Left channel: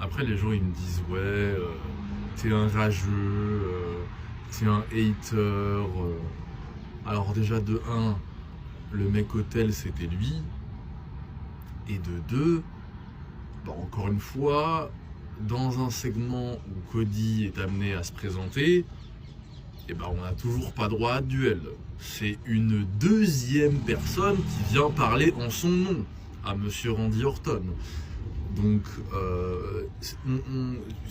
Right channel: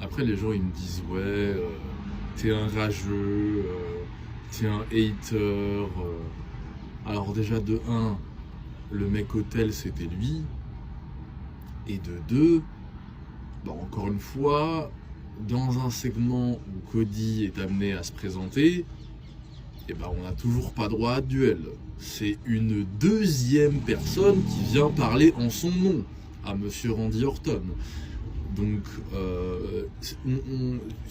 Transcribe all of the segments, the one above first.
Après, les gens, ils me disent, ouais, t'es un rageux, t'es un hater. Alors déjà, de 1, le mec hôtel, c'était lui. Et de 2, encore une fois, dans un segment où Cody est amené à se présenter, on n'a toujours pas droit à duel. C'est une deuxième personne qui vient parler en son nom à Monsieur Randy Orton. Donc,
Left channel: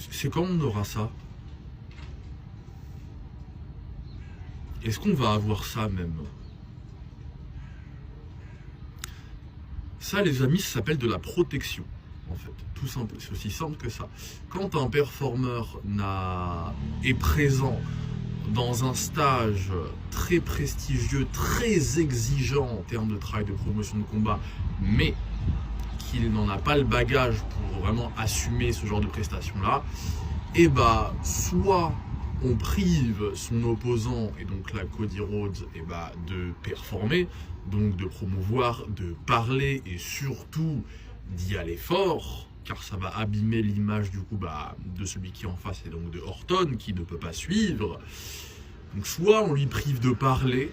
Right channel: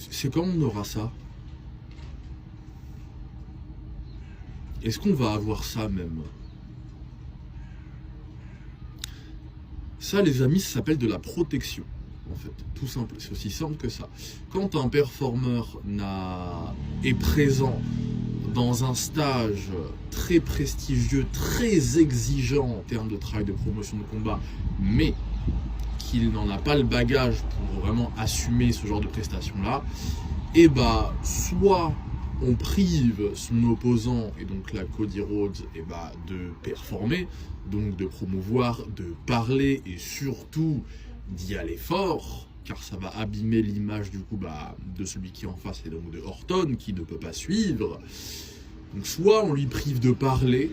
c'est quand on aura ça? Est-ce qu'on va avoir ça même? Ça, les amis, ça s'appelle de la protection, en fait. Tout simple, c'est aussi simple que ça. Quand un performeur est présent dans un stage très prestigieux, très exigeant en termes de travail de promotion de combat, mais qu'il n'en a pas le bagage pour vraiment assumer ce genre de prestations-là, soit on prive son opposant, et donc là Cody Rhodes, de performer, donc de promouvoir, de parler et surtout d'y aller fort, car ça va abîmer l'image du coup de celui qui est en face et donc de Orton qui ne peut pas suivre. Donc soit on lui prive de parler,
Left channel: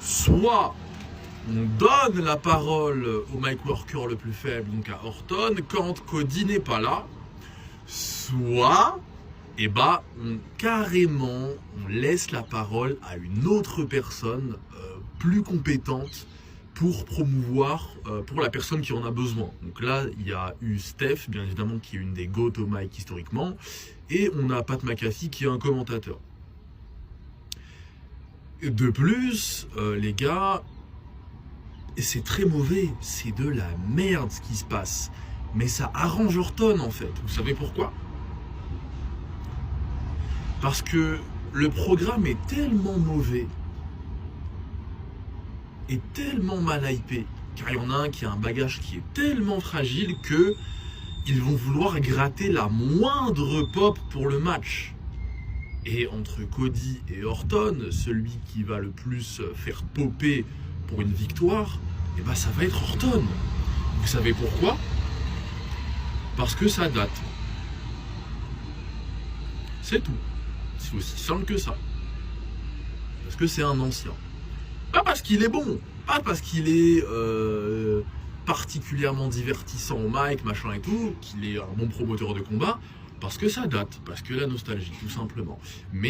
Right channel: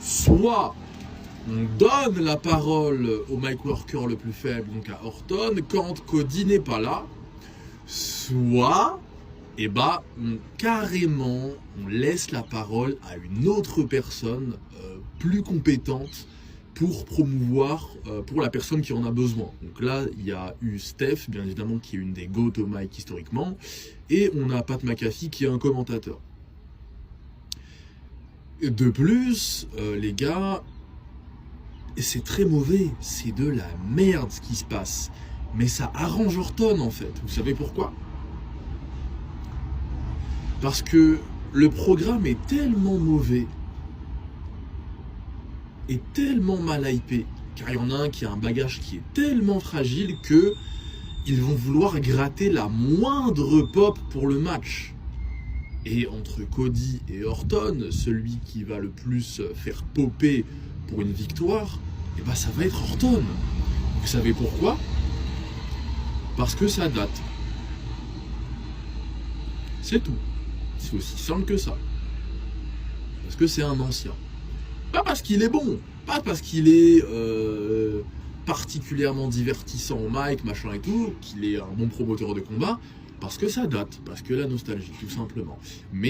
soit on donne la parole au mic worker le plus faible, donc à Orton, quand Cody n'est pas là, soit carrément on laisse la parole à une autre personne plus compétente pour promouvoir pour la personne qui en a besoin. Donc là, il y a eu Steph, bien évidemment, qui est une des GOAT au mic historiquement, et on a Pat McAfee qui est un commentateur. De plus, les gars, c'est très mauvais, c'est de la merde ce qui se passe. Mais ça arrange Orton en fait. Vous savez pourquoi? Parce que le programme est tellement mauvais et tellement mal hypé, car il y en a un qui a un bagage qui est tellement fragile que ils vont vouloir gratter la moindre pop pour le match. Et entre Cody et Orton, celui qui va le plus faire popper pour une victoire, ça va être Orton. Vous savez pourquoi? Parce que ça date. C'est tout. C'est aussi simple que ça. Parce que c'est un ancien. Pas parce qu'il est bon, pas parce qu'il est particulièrement divertissant au mic, machin et tout, qu'il est un bon promoteur de combat, parce que ça date, parce que la nostalgie, tout simplement. Mais